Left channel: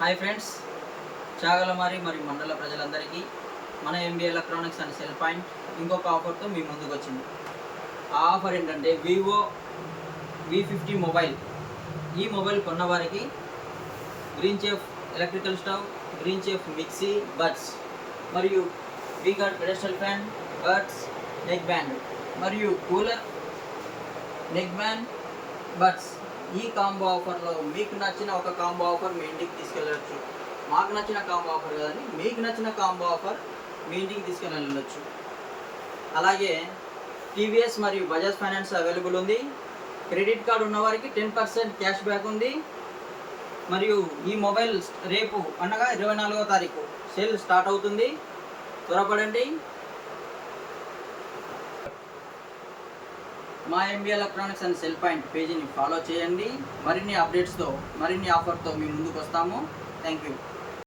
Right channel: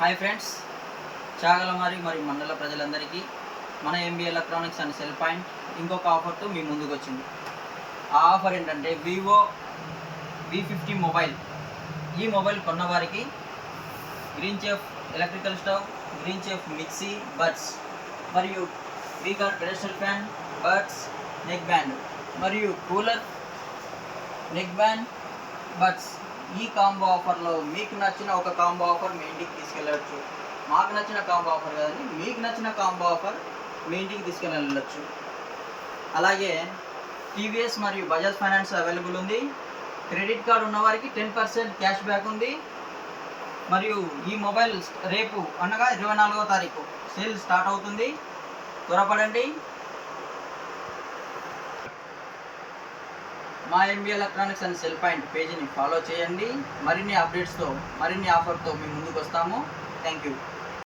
Hi friends Chagalamarri మరి మండల ప్రజలందరికీ మన MB electronics and cell point ఇంకొక ఆఫర్తో మీ ముందుకు వచ్చింది. ఆ ఆఫర్ ఏంటంటే వివో వి ఫిఫ్టీ మొబైల్ ఈ mobile కొన్నవారికి Green Chef electrical stove Green Chef mixie buds మరియు V-Guard pedestal fan buds neck band మరియు కూలర్ నెక్ బ్యాండ్ బడ్స్ ఈ కాంబో ఆఫర్లో మీకు నచ్చిన ఒక కాంబో ఆఫర్ మీ ఇంటికి తీసుకెళ్ళవచ్చు మాకు నచ్చిన కాంబో ఆఫర్ కదండి మీకు నచ్చిన కాంబో ఆఫర్ మీ ఇంటికి తీసుకెళ్ళవచ్చు అలాగే టీవీఎస్ మరియు బజాజ్ ఫైనాన్స్ అవైలబుల్ ఉంది. క్రెడిట్ కార్డు ఉన్నవారికి టెన్ పర్సెంట్ క్యాష్ బ్యాక్ ఉంది. మరియు ఈ మొబైల్ రేపు అనగా ఇరవై నాలుగో తారీఖు సేల్ స్టార్ట్ అవుతుంది. త్వరపడండి. మా MB electronics and cell point పేజీని ఫాలో చేయండి. మరిన్ని అప్డేట్స్తో మరిన్ని ఆఫర్తో మీ ముందుకు వస్తాము. Thank you